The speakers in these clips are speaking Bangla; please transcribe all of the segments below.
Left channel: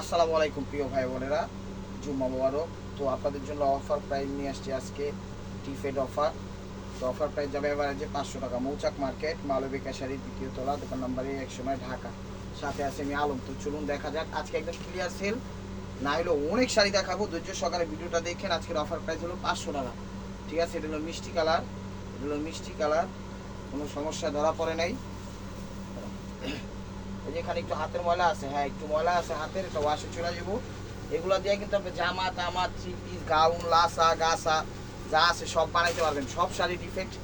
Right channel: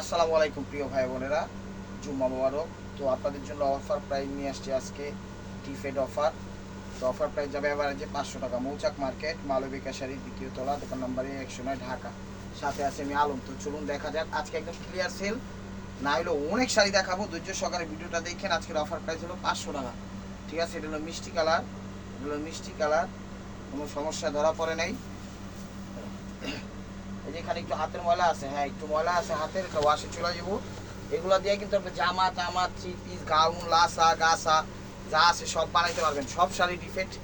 আসসালামু আলাইকুম প্রিয় ভাই বোনেরা, জুম্মা মোবারক। তো আপনাদের জন্য অফার প্রাইস নিয়ে আসছে আজকে, টিফেড অফার। তো অফার প্রাইস যাবে এভারেজে 500 টাকা। মৌচাক মার্কেট, মালবিকা শাড়ি, দ্বিতীয় তলা, দোকান নাম্বার 109, ঢাকা। সাথে আছে আমি আলম। তো চলুন দেখা যাক, আজকে একদম ক্লিয়ার সেল, না হলো অনেক শাড়ি দেখাবো। ধৈর্য সহকারে ভিডিওটা দেখেন। আজকের অফার প্রাইস হলো 500 টাকা, ঠিক আছে? এটা হলো মিষ্টি কালার, এগুলো মিষ্টি কালার, কোনো সমস্যা ধরা পড়ে নাই। এই যে এখানে একটু হাতের ময়লা আছে, হ্যাঁ একটু ময়লা আছে হাতের, এটা ওয়াশে চলে যাবো। এগুলো দিয়ে কিন্তু আপনি জামা তামা, থ্রি পিস, গাউন, লাসা গাসা যা আছে সব বানাইতে পারবেন। সব শাড়ি ডিফেক্ট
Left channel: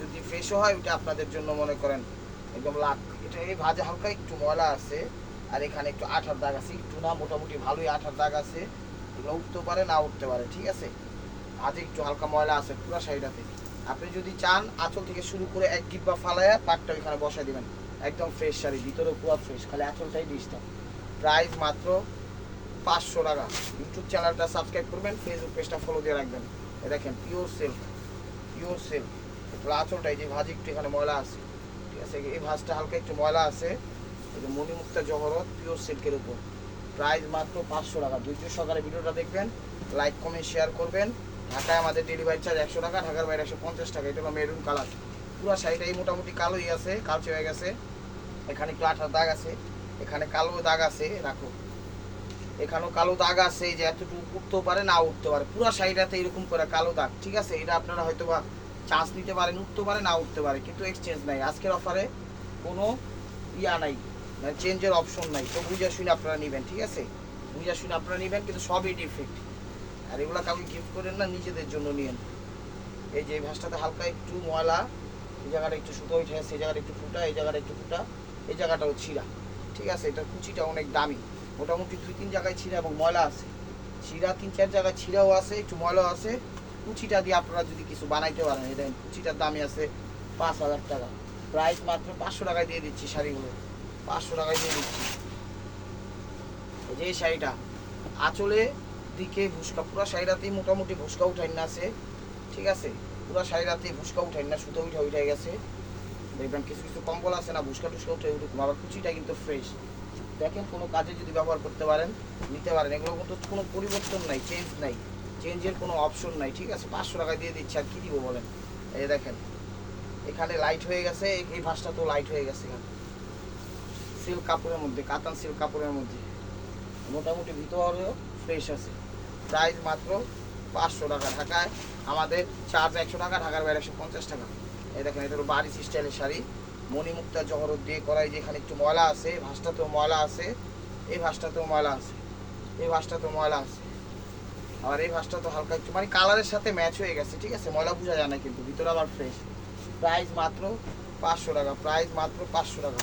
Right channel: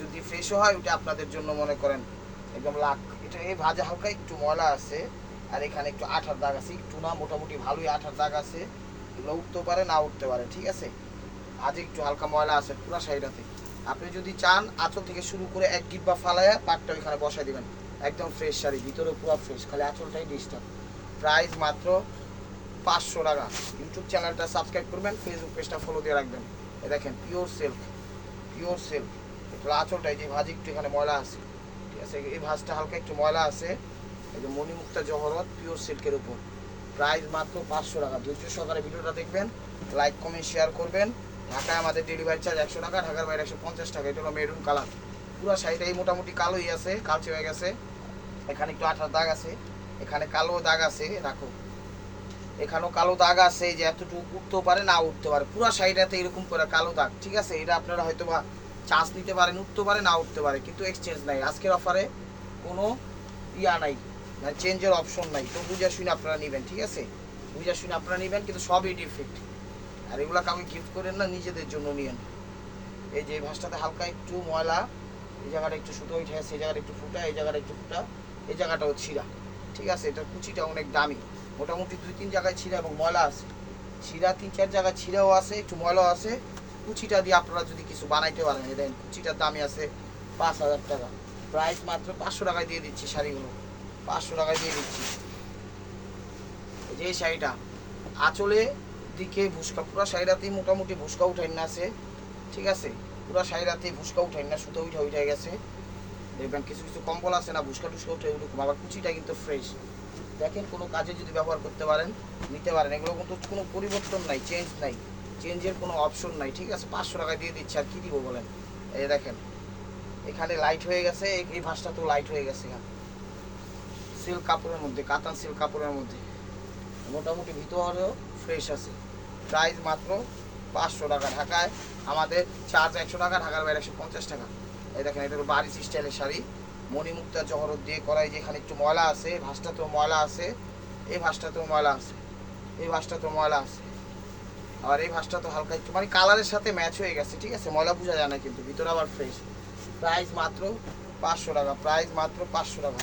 যদি ফ্রেশও হয়, ওটা আপনাদের জন্য মনে করেন একদম লাখ। এটা এই ভাজা হালকা একটু ময়লা আছে, আর এখানে একটু আঠার দাগ আছে, একটু না মোটামুটি ভালোই আঠার দাগ আছে। এগুলো উঠতে পারে না উঠতে পারে, ঠিক আছে? আজ একটু হালকা ময়লা আছে পুরো শাড়িটাতে। আপনি যদি চান আঁচল থেকে শুরু করে এক ডিব্বা ফালায়া পাটটা ওইখানে বসাই দিবেন। একদম ফ্রেশ শাড়ি, ভিতরে পুরো ফ্রেশ, খালি আঁচলটাই ডিস্টার্ব। প্রাইস মাত্র 500 টাকা। ইউটিউব চ্যানেলটা সাবস্ক্রাইব করবেন, ফেসবুক পেজটা ফলো দিয়ে রাখবেন। এ দেখেন পিওর সিল্ক, পিওর সিল্ক। আঁচলটাই যে ভাজ একটু এখানে ময়লা আছে, ঠিক আছে? এই ভাজটা হালকা একটু ময়লা আছে। এই যে মণিমুক্তা জহরত পিওর সিল্কের উপর, প্রাইস মাত্র 500 টাকা। ধৈর্য সহকারে ভিডিওটা দেখবেন, লাইক কমেন্ট শেয়ার করবেন। ঢাকায় আমাদের ডেলিভারি চার্জ 100 টাকা, ঢাকার বাইরে 150 টাকা। এটা হলো মেরুন কালার, পুরো শাড়িটাই মোটামুটি কালোই আছে, কালচে হয়ে গেছে। এখানে একটু আঠার দাগ আছে, এখানে কালো দাগ আছে, রাখো এখানেও কালো দাগ আছে। এই যে এতটুকু উঠতেও পারে না উঠতে পারে, পুরো শাড়িটাতে এরকম করে কালো দাগ, ঠিক আছে? এটা আপনারা হয়তো বা চান্স নিতে পারেন, উঠতে পারে না উঠতে পারে, কিন্তু এক্সচেঞ্জ নাই। আজকের অফারে কোনো ইয়া নাই, মানে চেঞ্জের অপশন নাই। তো বুঝে শুনে আপনারা নেবেন, ঠিক আছে? বুঝে শুনে আপনারা নেবেন, কিন্তু সবই ডিফেক্ট। আর এগুলো কাউকে গিফট করেন না, নিজেদের জন্য নিয়েন। এই যে এই ভাঁজটাতে হালকা একটু ময়লা, এই জায়গাটা একটু সুতো উঠে আছে, এই জায়গাটা একটু ফুটা, এই জায়গাটা একটু ফুটা, এই জায়গাটাও ছিঁড়া, ঠিক আছে? এটার কুচিটা অনেক দামি, মোটামুটি 2-3 জায়গায় ছিঁড়া এবং ময়লা আছে। ছিঁড়া 3-4 জায়গায় ছিঁড়াও আছে, একটু ময়লাও আছে। কুচিটা দিয়ে আপনারা যদি কিছু বানাইতে পারেন, এটা কুচিটার দামই আছে 5,000 টাকা। প্রাইস মাত্র 500 টাকায় দিয়ে দিচ্ছি শাড়িগুলো, 500 টাকায় দিয়ে দিচ্ছি। এই যে এই শাড়িটা আঁচলে দিকে ভুসকা, পুরো শাড়িটাতেই মোটামুটি ভুসকা উঠাই না আছে, ঠিক আছে? পুরো শাড়িটাতেই ভুসকা উঠাই না, সুতো উঠে গেছে। দেখবেন কিছু কিছু কম্বল আছে না, ভুসকা টুসকা উঠে উঠুক, আবার কুচিটা কিন্তু ফ্রেশ। দেখেন কোনো কাজে যদি ব্যবহার করতে পারেন, নিতে পারেন। এগুলো কিন্তু কোনো পরিবর্তন নাই, চেঞ্জ নাই, চেঞ্জের কোনো অপশন নাই, ঠিক আছে? 500 টাকায় দিয়ে দিচ্ছে, আর কি দিব বলেন? এই দেখেন এখানে লাইট হয়ে গেছে, এই ভাঁজটা তো লাইট হয়ে গেছে। সিল্ক কাপড়ের মধ্যে, কাতান সিল্ক কাপড়ের মধ্যে, মোটামুটি ভিতরেও ফ্রেশ আছে। প্রাইস মাত্র 500 টাকা। ঢাকায় আমাদের চার্জ 100 টাকা, ঢাকার বাইরে 150 টাকা। এই দেখেন এটা বাড়ি স্টাইলের শাড়ি, মণিমুক্তা জহরত দিয়ে করা। এই যে এখানে একটু ময়লা আছে, ভাঁজটাতেও ময়লা আছে, এই ভাঁজটাতেও ময়লা আছে, এই ভাঁজটাতেও ময়লা আছে, আর এই ভাঁজটা তো হালকা একটু মানে কালারের সাথে ম্যাচ হয়ে গেছে, ঠিক আছে? ময়লা বোঝা যায় না, কিন্তু ভিতরে আবার ফ্রেশ। প্রাইস মাত্র 500 টাকা, প্রাইস মাত্র 500 টাকা।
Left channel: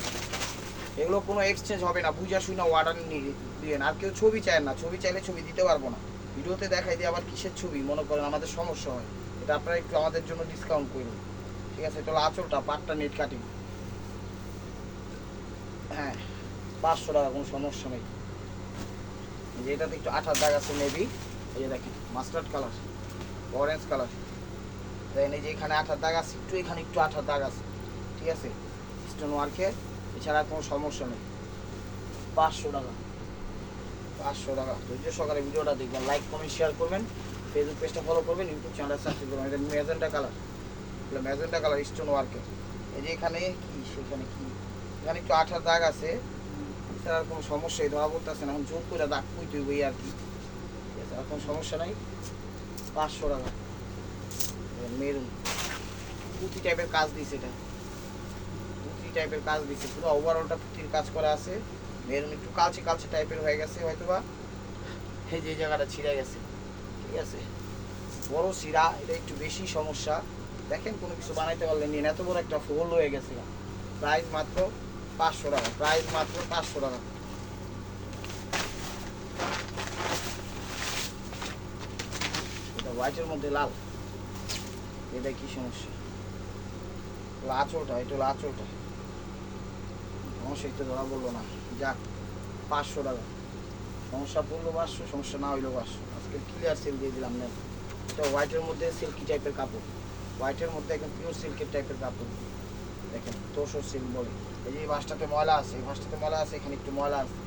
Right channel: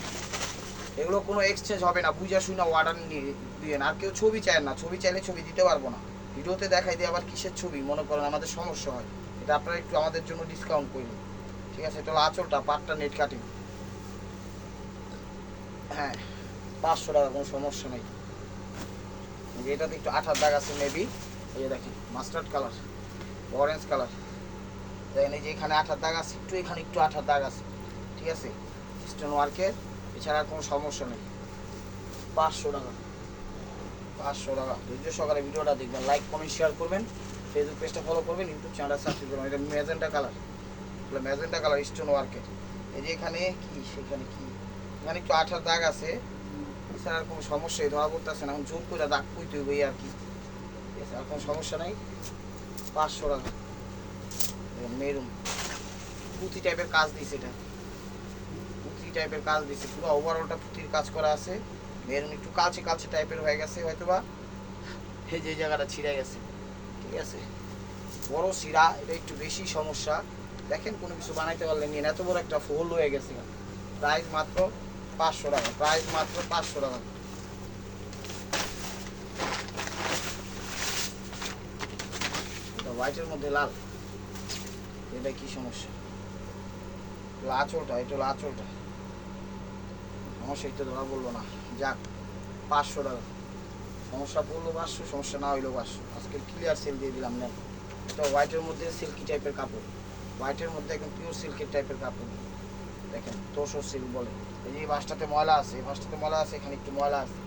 এগুলো কোনো এক্সচেঞ্জ হবে না, বুঝা শুনে অর্ডার দিয়ে। আর কেউ ছবি চায় না, ছবি চাইলে ছবি দিতে পারবো না, ভিডিওতে দেখাই দিয়ে আবার কিসের ছবি মনে করেন, আমাদের সমস্যা হয়। এটা আপনারা একটু আমাদের জন্য ডিসকাউন্ট করুন, ঠিক আছে? এটা হলো আঁচলটা, পাটটা নেট কাটিং, হ্যাঁ 500 টাকা, কোনো সমস্যা নেই। যে এটাতে একটু আঠার দাগ আছে মেবি, এই যে দেখেন মাস্টার্ড কালার, অরেঞ্জ কালার, দেখেন এই যে এখানে আঠার দাগ আছে, একটু এখানে একটু আঠার দাগ আছে, ঠিক আছে? স্টোন ওয়ার্কের, এছাড়া কোনো সমস্যা নেই। 500 টাকা, 500 টাকা। ধৈর্য সহকারে ভিডিওটা দেখবেন, লাইক কমেন্ট শেয়ার করবেন, ফেসবুক পেজটা ফলো করবেন, ইউটিউব চ্যানেলটা সাবস্ক্রাইব করবেন। এটা ম্যাজেন্টা কালার, এটা ম্যাজেন্টা কালার স্টোন ওয়ার্কের। এই যে এখানে কি, সেখানে কি, এখানে একটু আঠার দাগ আছে, এছাড়া আর কোনো সমস্যাই ধরা বলতেছে না। এখন জোর করে দাগ কই তুই আর কি, আর কোনো সমস্যা নাই। 500 টাকা। মেরুন পুঁথি টাইপের কাজ দিয়েছে, এটা পুঁথি টাইপের কাজ দিয়েছে, পুরো ওভারঅলটা পুঁথির কাজ করা আছে। মেরুন একটু কালচে কালচে টাইপের হয়ে গেছে হয়তো বা, এই যে জায়গাটা ছিঁড়ে গেছে, ঠিক আছে? বড় শিরা, এটা একটু বেশি সমস্যা। দেখেন কোনো কিছু বানাইতে পারলে নিন, এত বড় একটা ফোল্ড হয়ে গেছে। প্রাইস মাত্র 500 টাকা, প্রাইস মাত্র 500 টাকা। এটা হোয়াইটের মধ্যে লাল, এটা কি সমস্যা? আঁচলটা, এটা হলো আঁচলটা, সমস্যা একটু ধরা বললো না, যাক 500 টাকা। সমস্যা পড়লো 500, সমস্যা না হইলেও 500। আজকে ক্লিয়ার সেল দিয়ে দিলাম না। এটা হোয়াইটের মধ্যে সিল্কি টাইপের কাপড়, হোয়াইটের মধ্যে একদম পিওর সিল্কের টাইপের কাপড়, দেখেন তোষর সিল্ক বলে। এই যে এই ভাঁজটাতে ময়লা আছে, এই ভাঁজটাতে ময়লা আছে, এখানে একটু ময়লা আছে,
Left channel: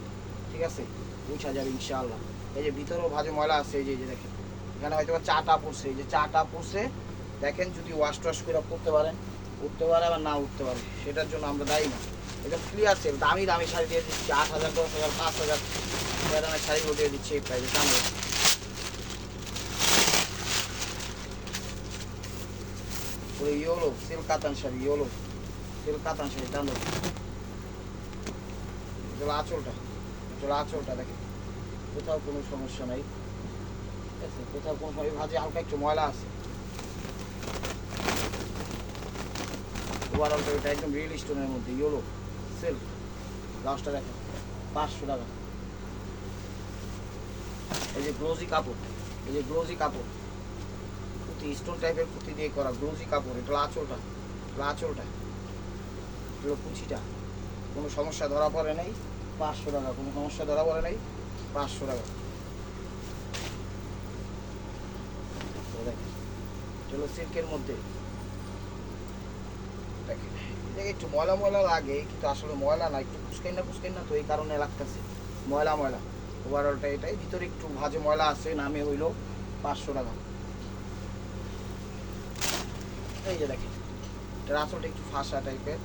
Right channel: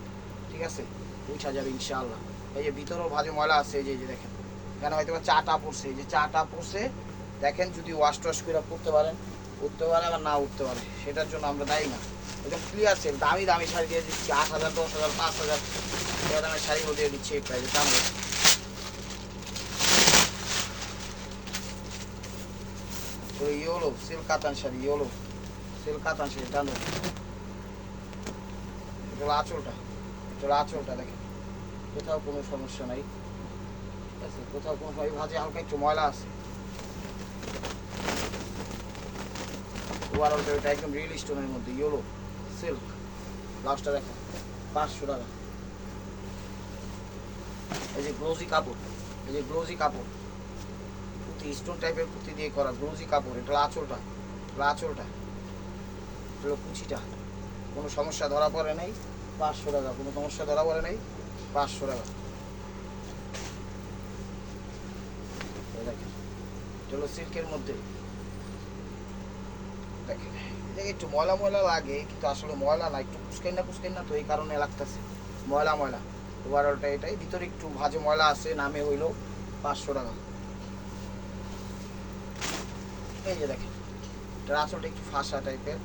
ঠিক আছে? 2000 ইনশাআল্লাহ। এই যে ভিতরেও ভাজে ময়লা আছে, এই যে দেখেন এখানে হয়তো চাটা পড়ছে, এই যে চাটা পড়ছে দেখেন। যদি ওয়াশ টোয়াশ করে করতে পারেন, উঠতে পারে আবার না উঠতে পারে, সেটার জন্য আমরা দায়ী না। একদম ক্লিয়ার সেল, দামি দামি শাড়ি দিয়ে দিচ্ছি 8000, 10000, 5000 টাকা দামের শাড়িগুলো দিয়ে দিচ্ছি। এটা যে কামড় ইয়েলো সিল্ক কাতান শাড়ি, ইয়েলো সিল্ক কাতান শাড়ি টানো। এটা আঁচলটা, এটা আঁচলটা দেখেন, কোথাও কোনো সমস্যা নাই, ঠিক আছে? কোথাও কোনো ভাজে হালকা একটু ময়লা আছে। ওভারঅলটা এটা একদম রিয়েল স্টোনের মধ্যে ইয়েলো সিল্ক। লাস্টটা দেখেন 500 টাকা। এই যে গ্লোজি কাপড়, এই যে গ্লোজি কাপড়, পুঁতি স্টোন টাইপের পুঁতি দিয়ে করা গ্লোজি কাপড়। এটা আঁচলটা, আঁচলটা, এটা কুচিটা। কোনো সমস্যা ধরা পড়ে নেই, 500 টাকা। কোনো সমস্যা ধরা পড়ে নেই, 500 টাকা। দেখেন এটা হলো সিল্কের মধ্যে। দেখেন একটু ময়লা ময়লা লাগে, কিন্তু আসলে ময়লা না, একটু পুষ্কাই না, তো এই কারণে লাগতেছে ময়লা ময়লা। ওভারঅলটা এটাই, ভিতরে একটু ভাজে ময়লা আছে, নামে হইলো 500 টাকা। এই যে দেখেন এটার আঁচলটা একটু ফাঁসা টাইপের,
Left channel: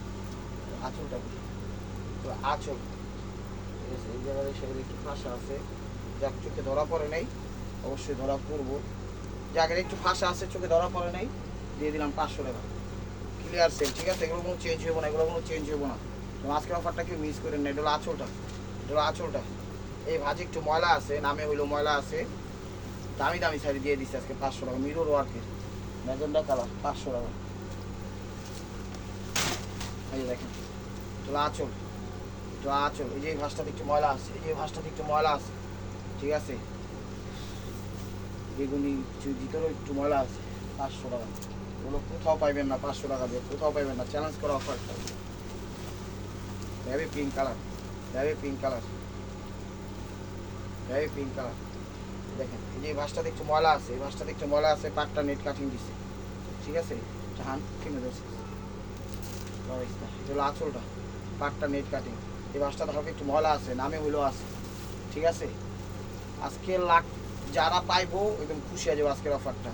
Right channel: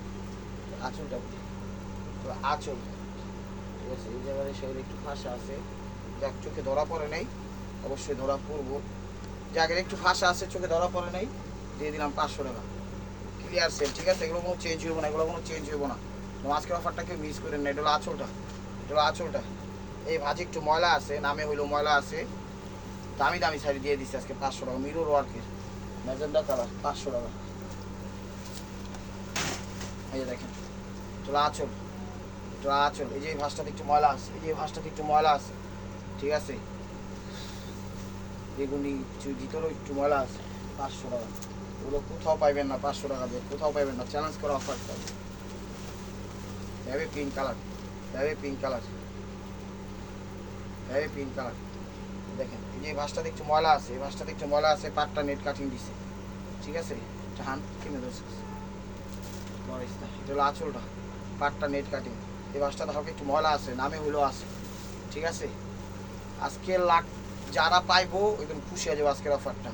আঁচলটা তো আঁচল, ঠিক আছে? এই জায়গায় সেগুলো একটু ফাঁসা আছে, যাক চোখে ধরা পড়ে নেই, অবশ্যই ধরা পড়বো। জায়গায় একটু ফাঁসা আছে, চোখে ধরা পড়ে নেই, দিয়ে দিলাম 500 টাকা। ক্লিয়ার সেল, ঠিক আছে? এগুলো কোনো চেঞ্জ হবো না, এগুলো কোনো চেঞ্জ হবো না। আজকের অফারটা কেউ মিস করেন না। এটা হলো আঁচলটা, এটা হলো আঁচলটা। এই ভাজে একটু ময়লা আছে, নামে হইলো ময়লা আছে। দামি দামি শাড়ি দিয়ে দিচ্ছি আজকে 500 টাকা, মিরর ওয়ার্কের ম্যাজেন্ডা কালার, 500 টাকা। এই দেখেন এটা আঁচল, এটা আঁচল। এই যে ভাঁজটাতে একটু ময়লা আছে, এই যে ভাঁজটাতে একটু ময়লা আছে, ঠিক আছে? বেগুনি ভিতরেও একটু ময়লা আছে, 500 টাকা। ওগুলো কোথাও পাইবেন না, 500 টাকা দিয়ে কোথাও পাইবেন না। চ্যালেঞ্জ করা অফার পাইবে। Heavy pink colour, heavy pink colour, heavy pink colour. দেখেন এই যে ভাঁজটাতে একটু ময়লা আছে, এই ভাঁজটাতে একটু ময়লা আছে, পাটটা নেট কাটিং দিছে, ঠিক আছে? হান কিনে দোষ, এটা হলো আঁচলটা, পাটটা নেট কাটিং। এই ভাঁজটাতে হালকা একটু ময়লা আছে, নামে হইলেও আছে, ঠিক আছে? আজকে লাখ যারা পাইবো একদম খুশি হয়ে যাবো আজকের অফারটা।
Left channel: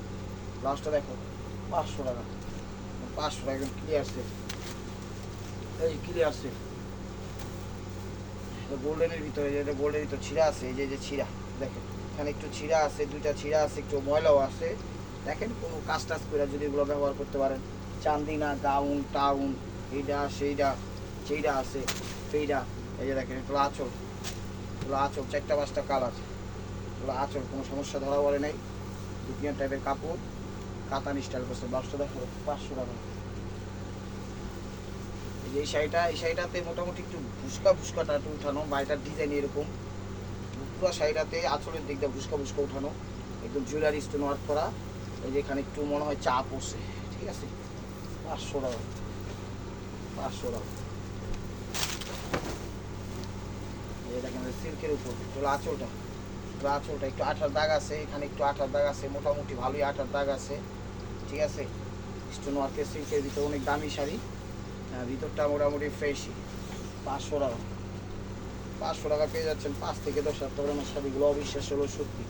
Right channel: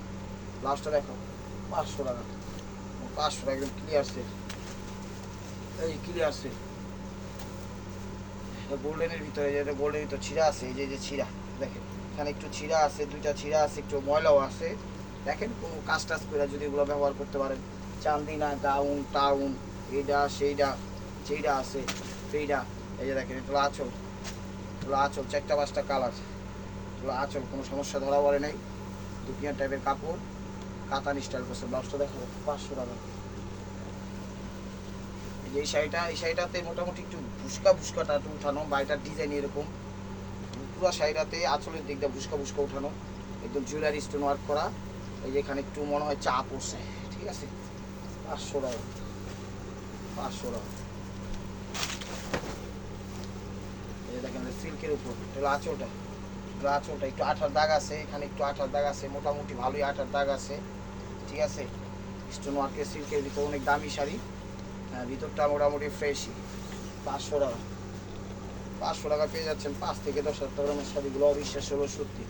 লাস্টটা দেখো 500 টাকা, 500 টাকা একদম ক্লিয়ার সেল। এই ক্লিয়ার সেল, এটা গোল্ডেনের ভিতরে, এটা গোল্ডেনের ভিতরে ছিঁড়া আছে, এই যে ছিঁড়া দেখেন, এখানে একটু ছিঁড়া আছে, দুইটা ছিঁড়া আছে, একটু ময়লাও আছে। দেখেন কোনো কাজ টাজ করে যদি এগুলো ব্যবহার করতে পারেন, চান্দিনা গাউন টাউন, এইটা সেইটা, যেইটা আছে সেইটা। এই যে দেখেন এটা আঁচল, এগুলো আঁচল 4টা 5টা কালার, এগুলো আঁচল, কোনো সমস্যা ধরা পড়ে নাই। দুপিয়ার টাইপের কাপড়, কাতান স্টাইল করছে। ব্লাউজটা দেখো 500 টাকা। এই শাড়িটা, এই শাড়িটাতে মোটামুটি একটু ভুস্কাটা একটু উঠানো, বাড়িটার ডিজাইন এরকম। পুরো শাড়িটাতে আঁচলের দিকটা ভুস্কা উঠানো, একদম জুয়েলারি স্টোন ওয়ার্ক করা। এই যে এখানে একটু মনে হয় চা পড়ছে, ঠিক আছে? 500 টাকা, 500 টাকা। এই দেখেন সিল্কের উপর, এটা আঁচলটা, এটা আঁচলটা একটু আঠার দাগ আছে, এখানে একটু আঠার দাগ আছে, মোটামুটি ভালোই আঠার দাগ আছে, ঠিক আছে? স্টোন ওয়ার্কের সিল্কের ভিতরে অনেক দামি শাড়ি। হ্যাঁ, ভিতরটা মোটামুটি ফ্রেশই। 500 টাকা, 500 টাকা পেয়ে যাচ্ছেন 5 থেকে 10,000 টাকার শাড়িগুলো। অবিশ্বাস হলো সত্যি।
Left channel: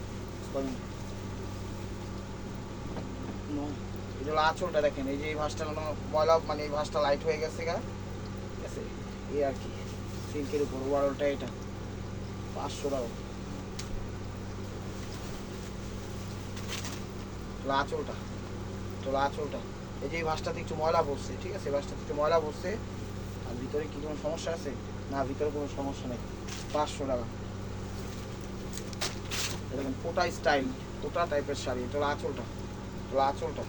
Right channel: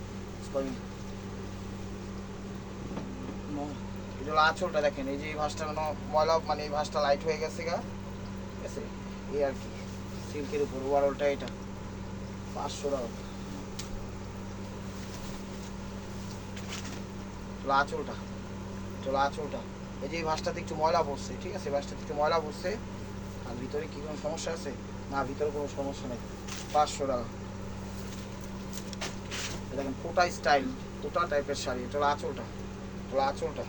এগুলো আঁচলটা দেখেন, এই যে এই ভাঁজটা ময়লা, মানে এই ভাঁজটা লাইট হয়ে গেছে গা, ঠিক আছে? এই আর কি সিল্কের উপর ওভারঅলটা এটা 500 টাকা। আঁচলটা, চলো আঁচলটা, এই যে এই ভাঁজটাতে একটু ময়লা পড়ছে, ঠিক আছে? ভাঁজটাতে একটু ময়লা পড়ছে, আর ভিতরে কি কোনো সমস্যা আছে? না, ভিতরে কোনো সমস্যা নেই। 500 টাকা। দেখেন কোটা স্টাইল, কোটা টাইপের শাড়ি। এটা আঁচলটা, এটা আঁচলটা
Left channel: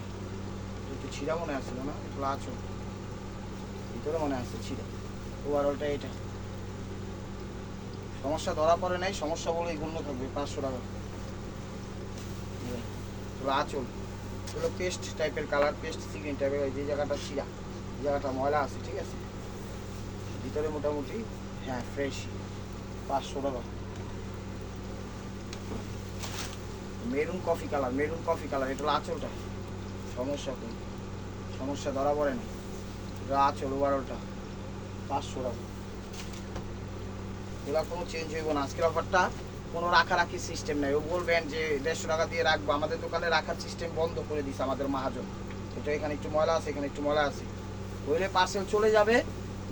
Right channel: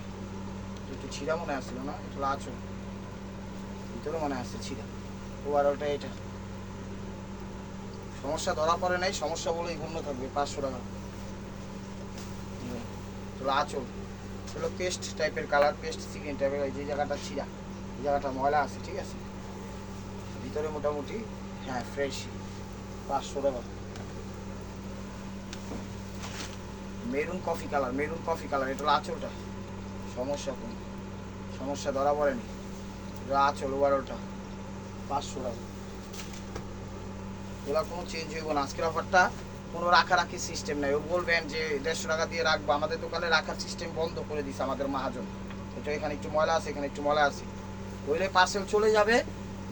একটু ছিঁড়া মনে আসছিল না, এটা আঁচল, ভিতরে মনে আসছে ছিঁড়া। ওভারঅলটা এটা, সমস্যা ধরা পড়ে নাই, সমস্যা বলেই গণ্য থাকবে। 500 টাকা। এটা আঁচল, এগুলো পেস্ট টাইপের কালার, পেস্ট চিকেন টাইপের। যে জায়গাটা ছিঁড়া, এই জায়গাটা ময়লা আছে, ঠিক আছে? ভিতরে মোটামুটি হ্যাঁ ফ্রেশ। 500 টাকা। Maroon coffee colour, maroon coffee colour. এটা হলো আঁচলটা, সমস্যা কোন সমস্যা ধরা পড়েনি। এটা আঁচল, ওভারঅলটা 500 টাকা। এবার কোনো চেঞ্জ হইব না। আজকের অফারটা কোনো রাখারাখি সিস্টেম নাই। ও বলবেন যে 150 টাকা দিয়ে রাখবো, আমাদের দোকানে রাখার সিস্টেম বন্ধ করে দিছে আমাদের মহাজন। এটা এখানে একটু ময়লা আছে, এখানে একটু ময়লা আছে, হইলে পার্সেল চলে যাবে,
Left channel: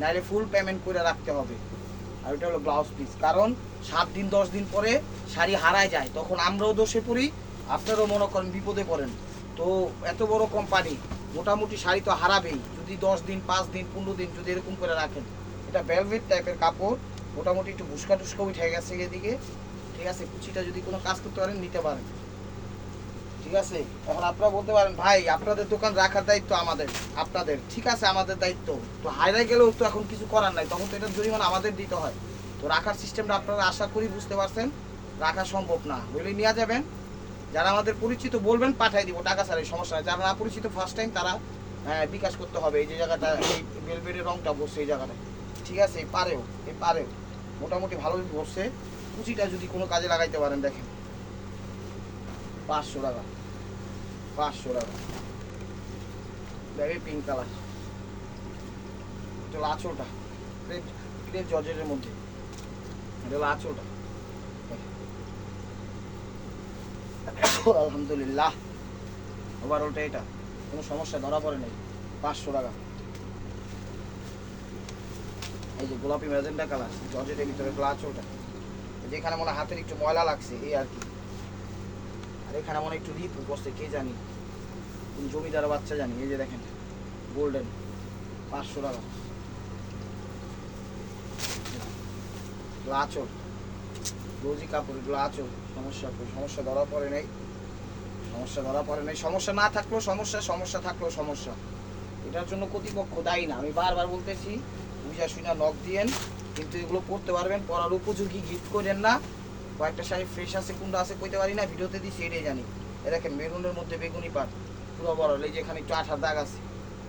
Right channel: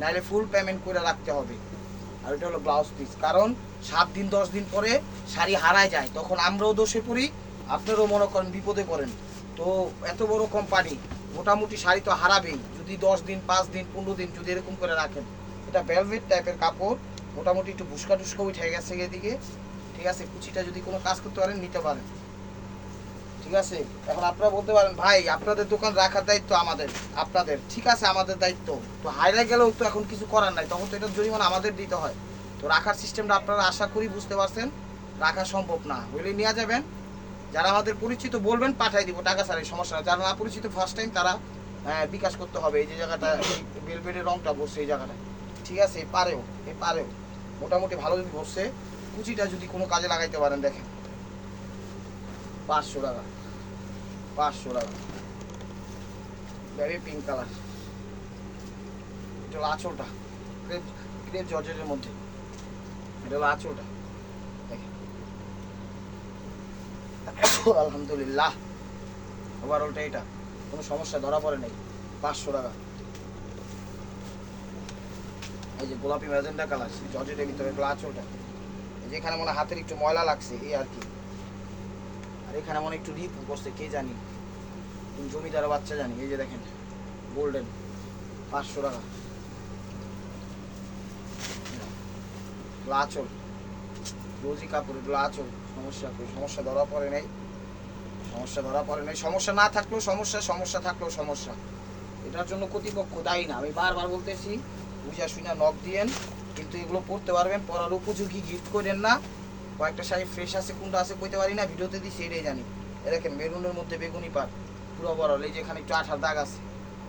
নাহলে ফুল পেমেন্ট করে রাখতে হবে। আর এটা হলো ব্লাউজ পিস, কারণ 7 দিন 10 দিন পরে শাড়ি হারায় যায়, তখন আমরাও দোষে পড়ি, আপনারাও মনে করেন বিপদে পড়েন। তো এত বড় কোম্পানি, মোটামুটি শাড়ি তো হারাবেই যদি 10 দিন 5 দিন 15 দিন যদি এরকম করে রাখেন। এটা ভেলভেট টাইপের কাপড়, মোটামুটি একটু ভুসকা টুসকা উঠে গেছে এদিকে, ঠিক আছে। কুচিটা যদি কোনো কাজ করতে পারেন নিতে পারেন, ঠিক আছে। এখন আপনারা বলতে পারেন ভাই আপনাদের দোকান রাখার দায়িত্ব আমাদের, আপনাদের, ঠিক আছে আমাদের দায়িত্ব। তো হাইরে গেলেও তো এখন কিছু করার নাই, তখন তো এটার জরিমানা আমাদের দিতে হয়। তো রাখার সিস্টেমটা আপনারা আশা করি বুঝতে পারছেন, রাখা সম্ভব না বলে নিয়ে যাবেন। যারা আমাদের পরিচিত বলবেন পাঠিয়ে দিব, টাকা ছাড়াই, সমস্যা নাই। যারা না পরিচিত ফার্স্ট টাইম তারা বিকাশ করতে হবে। এই যে জায়গাটা এই বেলবেটের রংটা বসছে এই জায়গাটা, ঠিক আছে। পারেও মোটামুটি ভালো বসছে। কুচিটা যদি কোনো কাজে লাগাইতে পারেন, দেখেন 500 টাকা, 500 টাকা। বেবি পিঙ্ক কালার, এটা হলো আঁচলটা, ক্রেপ জর্জেটের মধ্যে, এটা হলো আঁচলটা। আলহামদুলিল্লাহ, ওভারঅলটা এটা কোনো সমস্যা ধরা পড়ে নেই। 500 টাকা। এই যে গোলাপি ম্যাজেন্টা কালার জর্জেটের ভিতরে আঁচলটা, এই যে এখানে মনে হাতের একটু ময়লা লাগছে এই আর কি, আর এখানে মনে একটু রিপ বসছে কে জানি, কোন জমিদার বাচ্চা জানি। এই যে দেখেন গোল্ডেন, 500 টাকা। আঁচল রোজি কাপড়, এগুলো আঁচল, সমস্যা ধরা পড়ে নাই, সমস্যা না থাকলেও সমস্যা থাকলেও সমস্যা। এটার জন্য কর্তৃপক্ষ দায়ী না, আমি বারবার বলতেছি, বুঝা শুনে নখ দিয়েন। কিন্তু এগুলো পড়তে পারবেন, পরার উপযোগী, জিদ করেন না। কয়েকটা শাড়ি ফ্রেশ আছে, কোনটা আছে কইতে পারি না, ভিডিওতে দিচ্ছি এটাই জানি। দেখেন মেরুনের মধ্যে বেগুনি পাট, পুরো বড়, এই যে এখানে একটু আঠার দাগ আছে,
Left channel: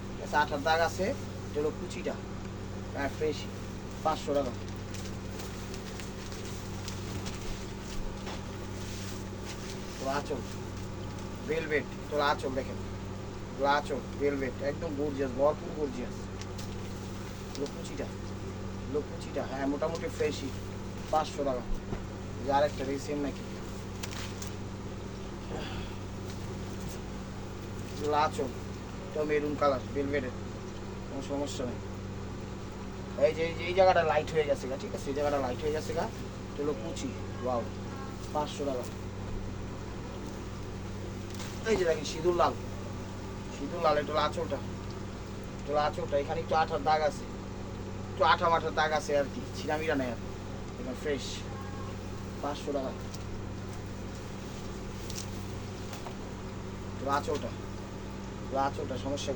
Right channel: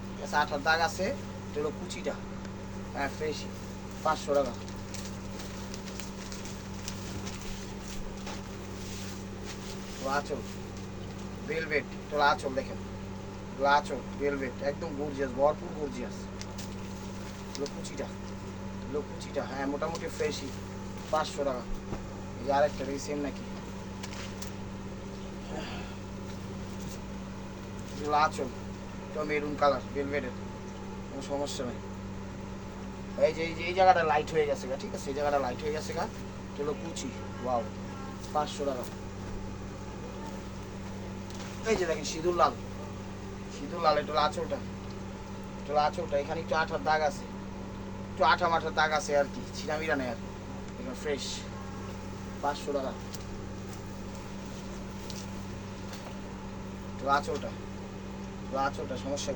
ঠিক আছে, আঠার দাগ আছে। এটা হলো কুচিটা, হ্যাঁ ফ্রেশ, 500 টাকা। আঁচল ভেলভেট, তোর আঁচল দেখেন, আঁচল ভেলভেট, একদম গর্জিয়াস, ভরপুর গর্জিয়াস। কুচিটা হ্যাঁ মোটামুটি ফ্রেশই, 500 টাকা। এই যে আরেকটা দেখি সেম নাকি, আঁচল, তো মেরুন কালার ভেলভেটের, কোনো সমস্যা নেই। এই যে এই জায়গাটা লাইট হয়ে গেছে গা, ঠিক আছে, এই জায়গাটা লাইট হয়ে গেছে গা, চলো কুচি, ওয়াও, 500 টাকা। এই যে দেখেন সিঁদুর লাল, এটা আঁচলটা, এখানে একটু আঠার দাগ আছে, একটু আঠার দাগ আছে আর কি, ছিনামিরা নেই আর এবার ফ্রেশ, 500 টাকা। আঁচলটা সমস্যা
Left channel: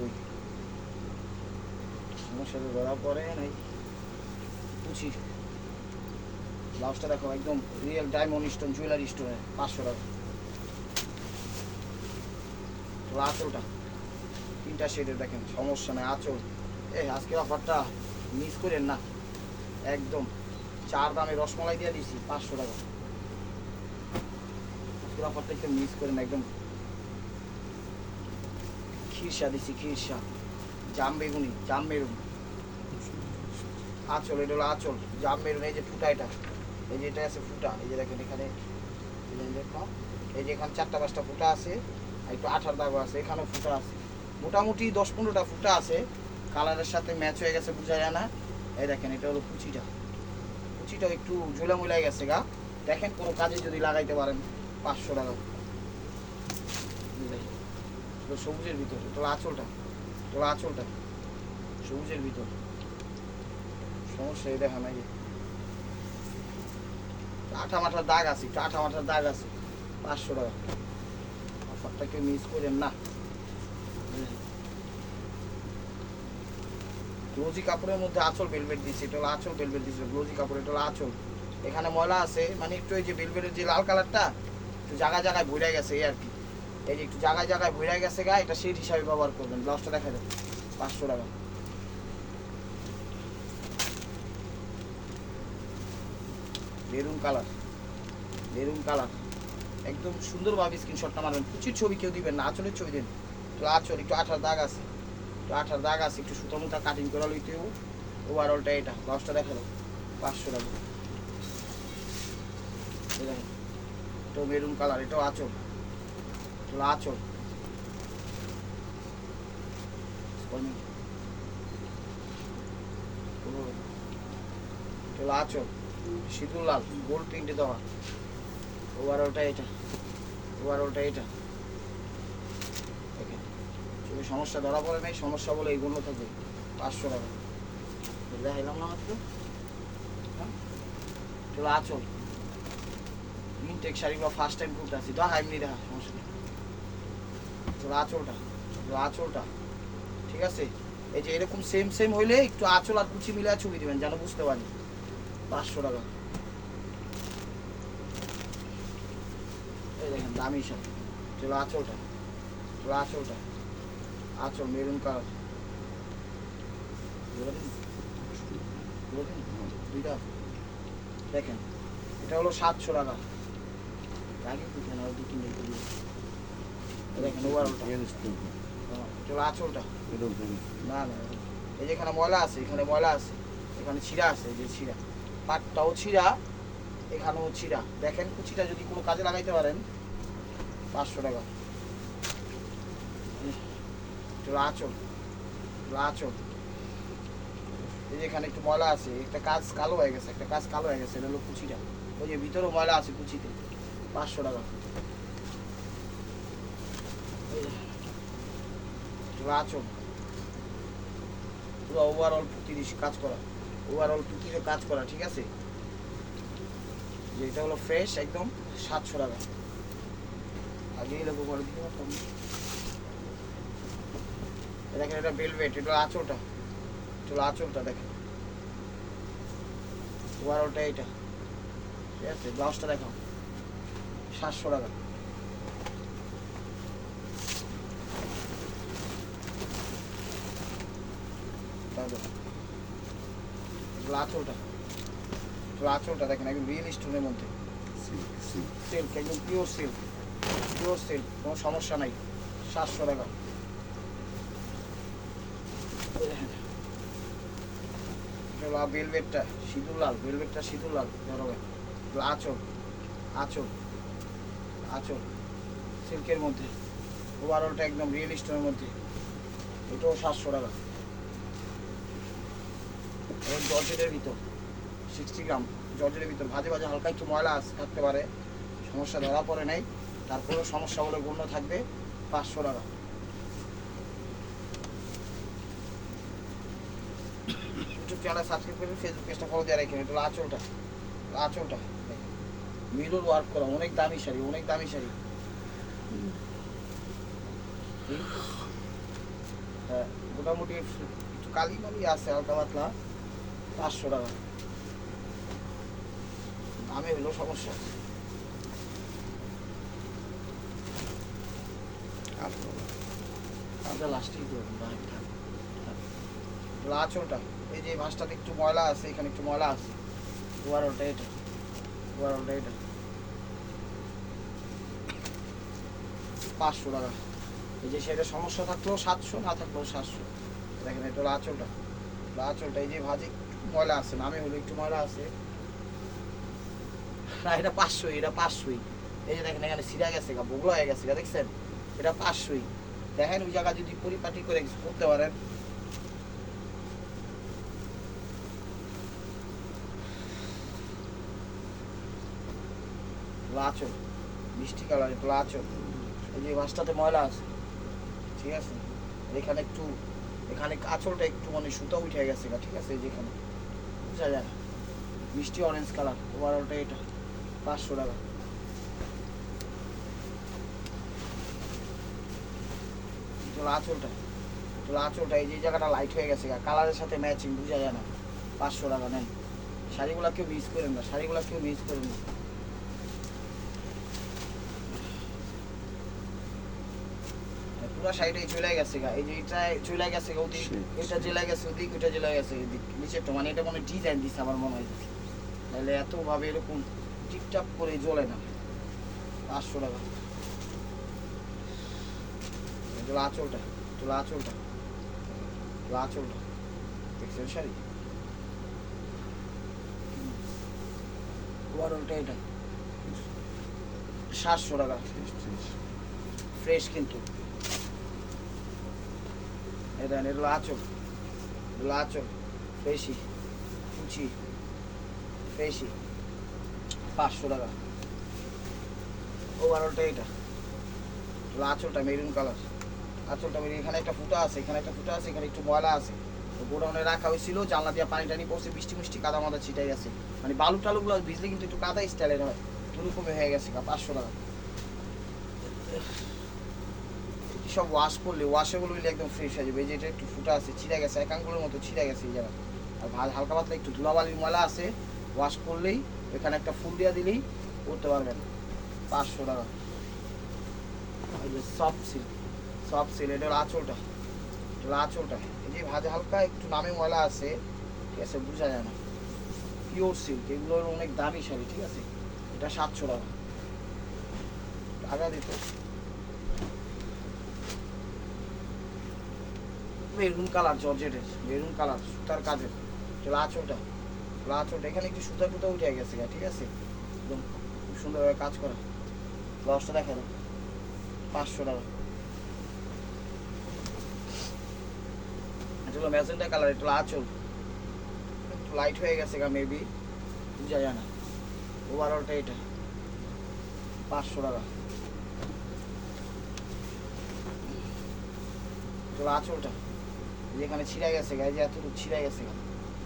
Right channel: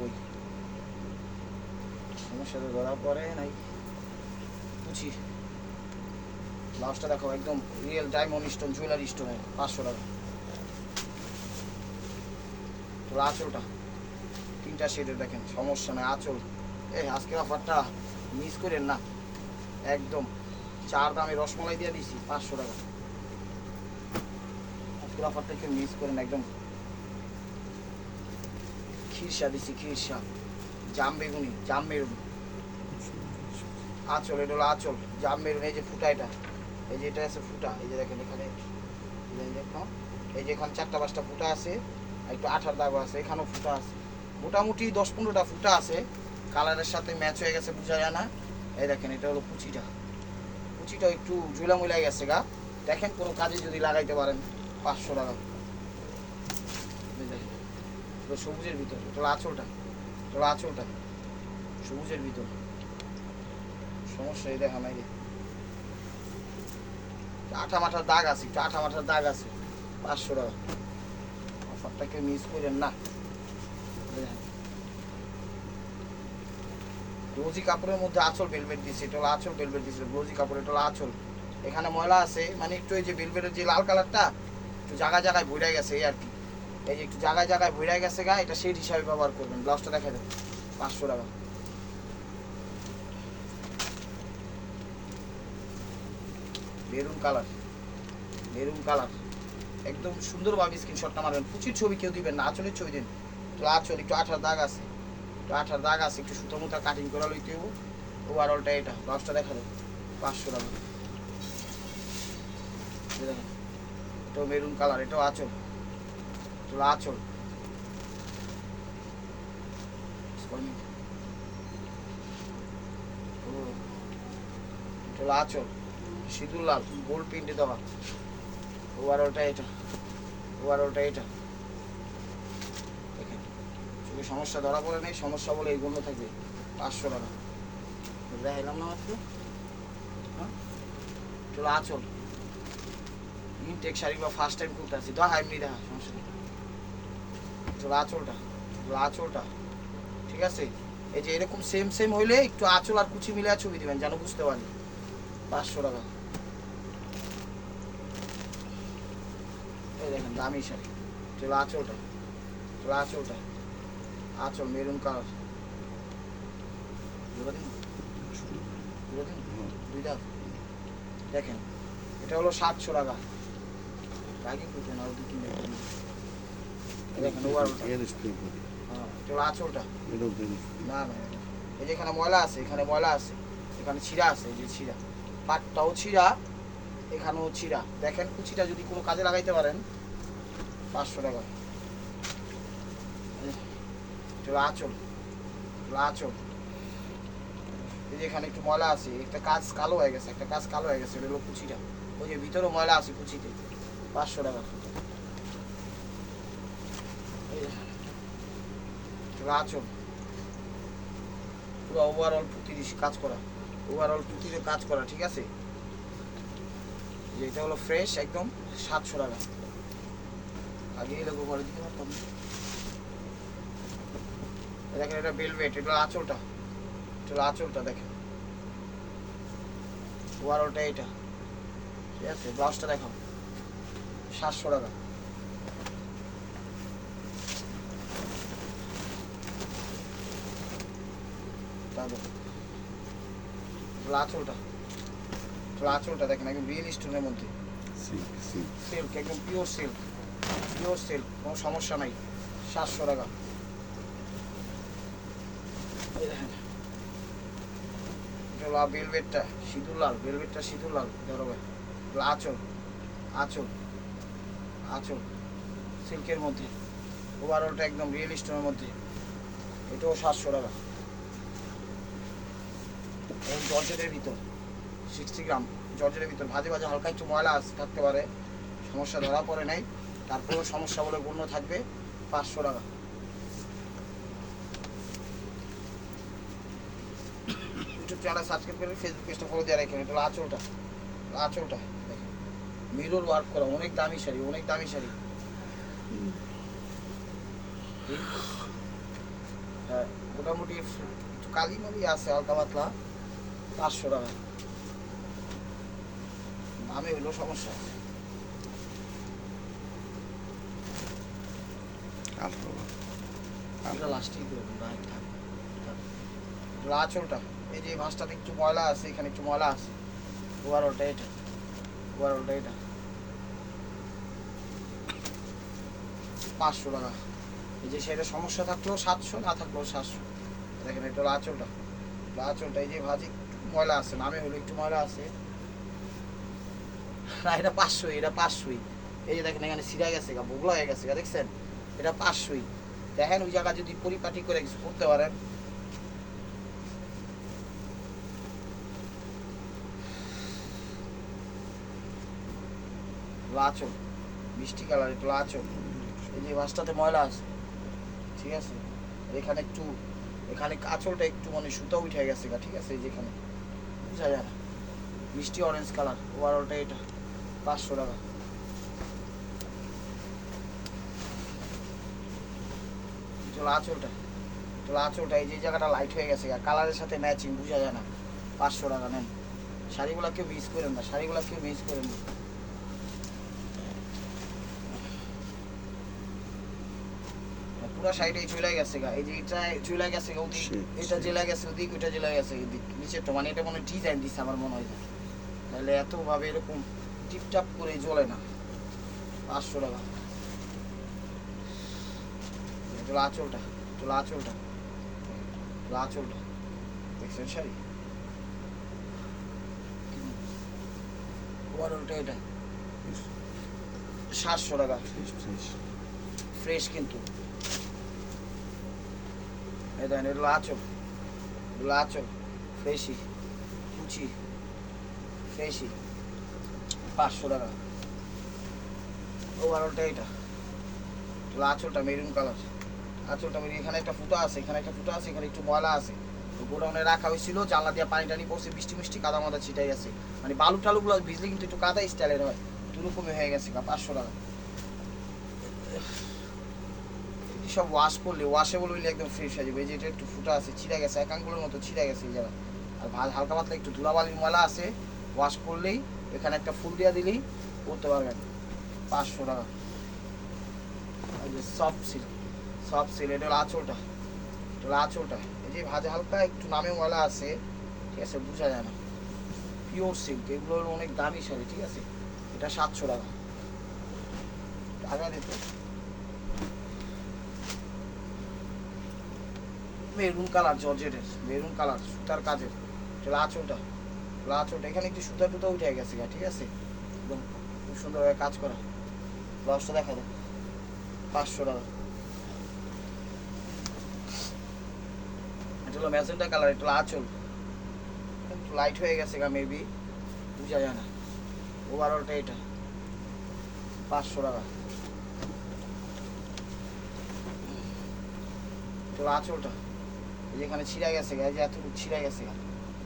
তো ধরা পড়ে নাই। কুচি ব্লাউজটা দেখো একদম real diamond stone, jewellery stone, 500 টাকা। আঁচলটা 3টা শেডের, দেখেন সমস্যা নেই। আঁচল আজকের অফারটা মিস করেন না, একদম 4 দামে রসমালাই দিয়ে দিচ্ছি, 500 টাকা। আজকের অফারটা একটু মিস করেন, একদম খিরসা দিচ্ছি, জাম মেরুন আঁচল, এটা হলো আঁচল, জাম মেরুন। এই যে ফুটা, এই যে এটা আছে ফুটা, এই যে দেখেন এখানে দেখো, এই যে এখানে 4টা 5টা ফুটা আছে, একটু আঠার দাগ আছে, এখানেও ফুটা আছে, মোটামুটি 10-15টা ফুটা আছে। কালারের সাথে ম্যাচ হয়ে গেছে, বোঝা যায় না। এই দেখেন এটা হলো কুচিটা একটু ঝুলা মুলাই গেছে গা, দেখেন কোনো কাজে যদি লাগাইতে পারেন, 500 টাকা। সবুজের ভিতর, এটা আঁচলটা, সবুজের ভিতর, সমস্যা এই দেখা নাকি, আঠা মাঠার দাগ আছে, 500 টাকা। অফারটাকে মিস করেন না। গ্লোজি কাপড়ের মধ্যে আঁচল ভেলভেট দিচ্ছে, এটা হলো আঁচল ভেলভেট দিচ্ছে, গ্লোজি কাপড়, এটা হলো আঁচল। এখানে ময়লা আছে, মানে একটু এই যে ভেলভেটের যে লাল কালারটা একটু জায়গায় ভরে গেছে এই আর কি, এই যে একটু জায়গায় ভরে গেছে গা, এটা সেই হিসাবে ব্যবহার করবেন। ব্লাউজটা দেখা যাবে, 500 টাকা। মেরুন কালার, একদম সুন্দরভাবে স্ক্রিনশটটা মারবেন। কুচির ছবি কেউ দিবেন না, আঁচলের ছবি দিন। তো আঁচল একটু আঠার দাগ আছে, একটু সুতো মুতা কাটিং করা লইতে হবে। ওভারঅলটা এটা, ব্লাউজটা দেখা যাবে, 500 টাকা। এই দেখেন এটাও মেরুন কালার, এটাও আঁচল, চলো আঁচল, চলো আঁচল সিঁদুর লাল গোল্ড প্রিন্টে দেওয়া, ওভারঅলটা এটা, ওভারঅলটা এটা। দেখেন চোখে সমস্যা ধরা পড়ে নেই, সমস্যা বলে এইগুলো থাকবে 500 টাকা দেখাইলাম না মাত্র। হ্যাঁ চলো আঁচল ইনটেক শাড়ি বা ফার্স্ট টাইম কুর্তা আছে, দেখা এমনি দেখা সমস্যা নেই। চলো আঁচলটা, চলো আঁচলটা ঠিক আছে। এই যে এরকম সেম সেম হইলে একটু আঁচল আর কুচি মিলে ছবি দিবেন যেন বুঝতে পারি। 500 টাকা। এই দেখেন দামি শাড়ি, চলো আঁচলটা, চলো আঁচলটা, আঁচল মেরুন কালার, দুইটা দেখেন এটা হলো 700 টাকা। আগে কি কেন দু তিন দেখেন ওভারঅলটা, চলো আঁচলটা, না না এই যে এখানে ময়লা আছে, এখানে ময়লা আছে, এখানে ছিঁড়া আছে, এই যে ছিঁড়া পাটটাও ছিঁড়া, এখানেও ছিঁড়া। দেখেন কুচিটা যদি কোনো কাজে লাগাইতে পারেন 500 টাকা। চলো আঁচল, চলো আঁচল, এই যে এখানে একটু ময়লা আছে, একটা কাজ কালো হয়ে গেছে, একটা কাজ কালো হয়ে গেছে, এটা হলো কুচিটা, ওই যে ভিতরেও ময়লা আছে কুচিতে। 500 টাকা। চলো আঁচল পুরো ওভারঅল পুঁতির কাজ করা, ওভারঅল পুঁতির কাজ করা ঠিক আছে। এটা হলো ফ্রেশ একদম 700 টাকা। আগেই দেখো করে দিব দেখেন এটা ভেলভেট, এটা আঁচলটা, চলো আঁচলটা দেখেন, ওভারঅলটা এটা ঠিক আছে। ব্লাউজটা দেখো 700 টাকা। আঁচলটা, চলো আঁচলটা দেখেন একদম রিয়েল স্টোনের মধ্যে, সিল্ক একদম পিওর সিল্ক, পিওর সিল্ক, কোনো সমস্যা নাই। 700 টাকা। এটা ভেলভেটটা সিঁদুর লাল, ভেলভেটটা সিঁদুর লাল বেরোবে। আঁচল, আঁচল, আঁচল সিল্কের মধ্যে, ওভারঅলটা একদম রিয়েল স্টোনের মধ্যে, এটাও 700 টাকা। এবং জর্জেটের ভিতর 60 গ্রাম, জর্জেটের ভিতর ভাজে ভাজে হালকা একটু ময়লা থাকতে পারে, সমস্যা ধরা পড়ে নাই, তারপরেও সমস্যা বলে গণ্য থাকবে। 500 টাকা। ইউটিউব চ্যানেল সাবস্ক্রাইব করে ফেসবুক পেজটা ফলো দিয়ে রাখেন। এটা আঁচলটা, আঁচলটা মিরর ওয়ার্ক করা, অনেক দামি শাড়ি, অনেক দামি শাড়ি। হ্যাঁ মোটামুটি কালি মালি আছে হালকা পাতলা। 500 টাকা। দামে হলো সমস্যা। আমরা লাস্টেই দেবো আঁচলটা, এই যে ভাঁজটাতে একটু ময়লা আছে, এখানে একটু ময়লা আছে, ওভারঅলটা এটা, ওভারঅলটা এটা 500 টাকা। এই যে সেটা সমস্যা থাকলেও 700, না থাকলেও 700। দেখেন এটা হলো আঁচলটা, আঁচলটা এই যে ভাজে ময়লা আছে, নামে হলো একটু ময়লা আছে, না এটা 500, এটা 500। এই যে দেখেন এখানে ছিঁড়া গেছে, বগলা হয়ে গেছে, দেখছেন এটা 500। দেখেন ওই জায়গা যদি পরিপাটি করে করতে পারেন। আঁচল মিষ্টি কালার, একটু আঁচল, এই যে মাছটাতে ময়লা আছে ঠিক আছে। এখানে একটু, এখানে আঁচলটা একটু মানে সুতা উঠে গেছে ঠিক আছে, এই যে এখানে বুঝা যায় না, মিষ্টি অরেঞ্জ কালার, ওভারঅলটা এটা 500 টাকা। চলো আঁচলটা, চলো আঁচলটা এই যে জায়গাটা লাইট হয়ে গেছে, কালারের সাথে ম্যাচিং বুঝা যায় না। 500 টাকা নেন। শাড়িগুলো কেউ মিস করেন না, শাড়িগুলো কেউ মিস করেন না। পুরো শাড়িটাই চলে গেছে গা, এই যে এটা চলে গেছে ওদিক, এটা জেলা গেছে ওদিক, ওটা জেলা গেছে ওদিক, বুঝছে তো, মানে এটা মনে ডিজাইন দিচ্ছে আমার মনে হয়, তাহলে এতভাবে এরকম টিপটাপ করে জ্বলে না। 500 টাকা। চলো আঁচলটা, চলো আঁচলটা, চলো আঁচলটা দেখছেন শাড়ি, ওভারঅলটা এটা 700 টাকা ফ্রেশ কিন্তু এটা এগুলো আঁচল, এগুলো আঁচল ফ্রেশি কুচি ফ্রেশি 500 টাকা। ওভারঅলটা এটা এগুলো আঁচলটা মেরুন কালার, আঁচলটা মেরুন, এখানে একটা ফুটা আছে, এখানে একটা ফুটা আছে, এখানে একটু ময়লা আছে। গোডাউনে রাখা হয়েছিল, জানলা দিয়ে পানি টানি পড়ছে, বৃষ্টি মিষ্টি কাদা মাদা ছিটাই গেছে, মানে বালু টালুগুলো ভিজলে কিন্তু একটু কাদা স্টাইলের হয়, ওরকমই হয়ে গেছে। 500 টাকা। সব ওয়াশ করলে ওয়াশেবল হইলে একদম ফ্রেশ হয়ে যাবে। এই যে এটা একটু ফুটা আছে, ছিঁড়ে গেছে, এক আঙ্গুলের মতো ছিঁড়ে গেছে এই জায়গা। আর হালকা পাতলা একটু ধুলাবালির ময়লা আছে, ওয়াশ করলেই এখানে একটা ফুল দিয়ে দিলেই করতে পারবেন। 500 টাকা। এই যে সফট সিল্ক, সফট সিল্ক, এটা হলো আঁচলটা, এটা হলো আঁচলটা। এই যে ভাজা হালকা একটু নামে ময়লা আছে, ঠিক আছে, বোঝা যায় না। পিওর সিল্ক, এগুলো অনেক দামি শাড়ি, ঠিক আছে। এটা 700 টাকা। টাকা দিতে মেরুন কালার, জর্জেটের মেরুন কালার, সুতার কাজের, চলো আঁচলটা, চলো আঁচলটা, এখানে একটু সুতা টুতা উঠে গেছে, ঠিক আছে, একদম খুব সুন্দরভাবে কাজ করা। ব্লাউজটা দেখা যায় 500 টাকা। এটা হলো ম্যাজেন্টা কালার, এটা হলো আঁচল, লাইট হয়ে গেছে গা, মেবি বোঝা যায় না। ওভারঅলটা এটা 500 টাকা। চলো আঁচলটা, যেখানে ছিঁড়া গেছে গায়ে, যে এতটুকু ছিঁড়া গেছে গা,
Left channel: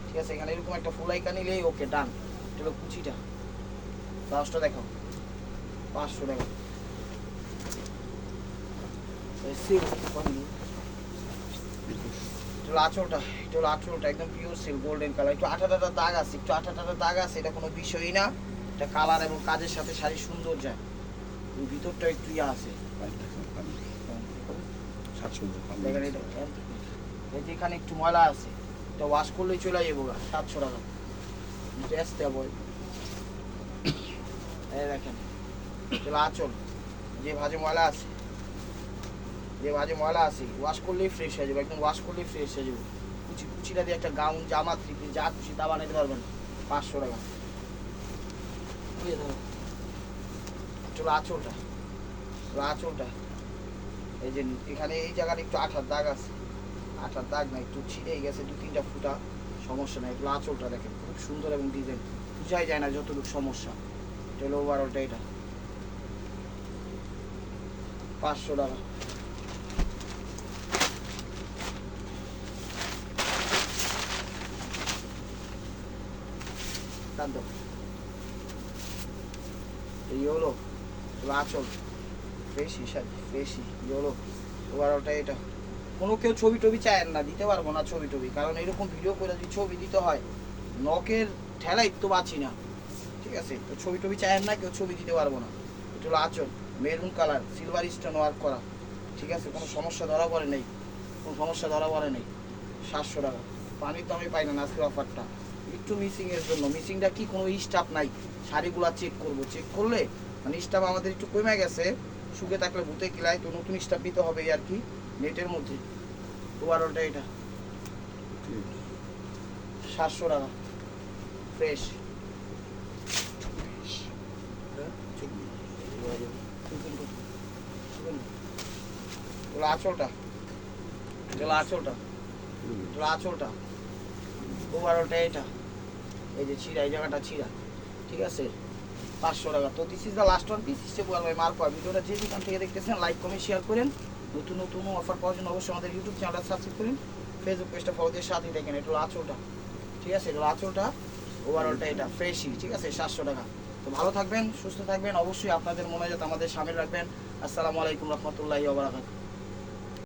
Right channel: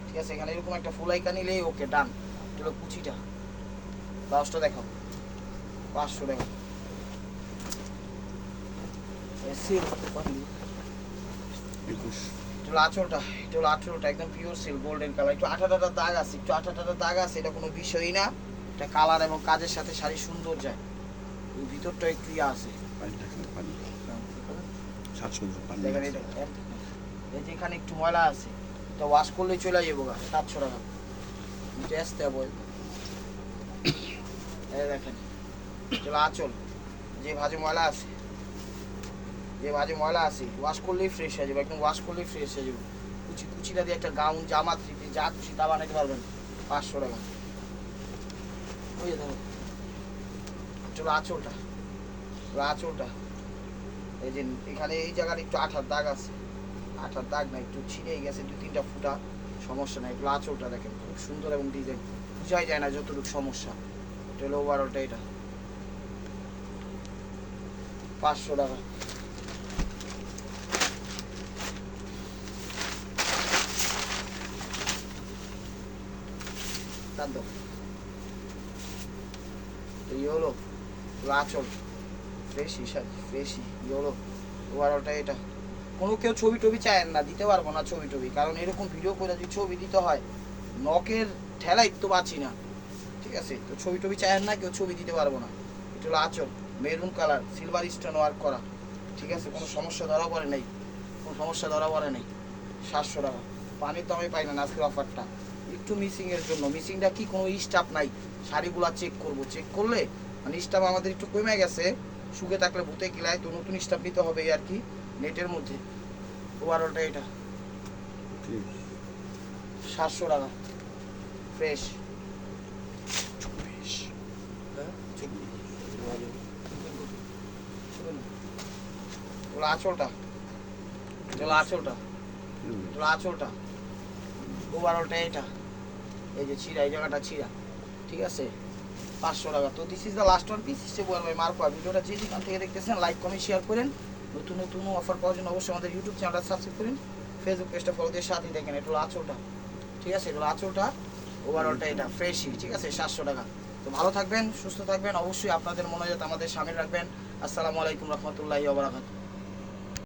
ঠিক আছে, এখানে এরকম একটা ফুল আইকা নিলেই ওকে ডান। এটা হলো কুচিটা, ব্লাউজটা দেখো 500 টাকা। আঁচলটা, এটা হলো আঁচলটা, একদম পিওর সিল্ক, গোল্ডেন কালার, একটু আঠা টাটা দাগ আছে, একটু আঠা টাটা দাগ আছে, এটা কোনো বিষয়ই না। এটা কালার এবং কাজের সাথে শাড়ি সুন্দর যায়। এই ভিতরটা একটু ইয়ে আছে, এই যে এখানে একটু ময়লা আছে, এটা ওয়াশ করলেই চলে যাবো 700 টাকা। এই দেখেন চলো আঁচল, যে ভাজে ময়লা আছে, যে ভাজে ময়লা আছে, ওয়াশ করলেই ফ্রেশ হয়ে যাবে, একদম ওয়াশ করলেই ফ্রেশ হয়ে যাবে। কুচি কুচিটা দিয়ে একটা গাউন, জামা, থ্রি, যা খুশি তা বানাইতে পারবেন। 500 টাকা। চলো আঁচলটা, চলো আঁচলটা, এই যে এখানে এই জায়গাটা একটু আঠার দাগ আছে, আঠার দাগ না, একটু ছিঁড়েই গেছে 2-3টা ফুটা, সমস্যা নাই। এগুলো আঁচলটা দেখেন খুব সুন্দর এবং ডিজাইন, বুঝাই যায় না যতটুকু সমস্যা। এটা হলো ওভারঅলটা, এটা 500 টাকা। এই হলো আঁচল, ফ্রেশি শাড়ি, ফ্রেশি হলো ওভারঅলটা। এটা কোনো কেউ ছবি টবি চায় না, দিতে পারবো না ছবি টবি, কারণ এরকম ভিডিও করে যদি ছবি দিতে হয় নখের ঠেলাই তো বাঁচি না, ঠিক আছে, তো ছবি টবি চায় না, কেউ ছবি দিতে পারবো না। এটা হলো আঁচল, maroon colour, silver stone work করা, ঠিক আছে, কোনো সমস্যা ধরা পড়ে নেই, কোনো সমস্যা ধরা পড়ে নেই। 700 টাকা। পানির দামে পাই না আজকের অফারটা, একটু মিসিংয়ের জন্য। মিসিংটা কি, কোনো স্টাফ নাই, শাড়িগুলা চেক করবো, চেক করলে মানে স্টাফ আমাদের একটু কমে গেছে, শুকে থাকলে ভূতে কিলায়, তো নতুন স্টাফ দিতে হবে আর কি, নেটের মধ্যে। ওভারঅলটা এটা 700 টাকা ফ্রেশ। আঁচলটা, আঁচলটা, আঁচলটা, ওভারঅলটা এটা, এই যে ছিঁড়া, এই জায়গাটা ছিঁড়া, ঠিক আছে, 500 টাকা। তো this is the last one piece, bye Marco. ভিডিওটা যে যেখান থেকে দেখতেছেন লাইক কমেন্ট শেয়ার করেন। নতুন নতুন অফার পাওয়ার জন্য অবশ্যই আমাদের ইউটিউব চ্যানেলটা সাবস্ক্রাইব করেন, ফেসবুক পেজটা ফলো দিয়ে সাথে দেখেন। এটা হলো আঁচলটা, ঠিক আছে, এটা আঁচলটা, ওভারঅলটা এটা ফ্রেশই, ঠিক আছে, 700 টাকা। তো ভালো থাকবেন, সুস্থ থাকবেন, অবশ্যই আপনাদের মনে যাতে আমাদের সামিল রাখবেন। আসসালামু আলাইকুম রহমতুল্লাহি ওয়া বারাকাতুহু।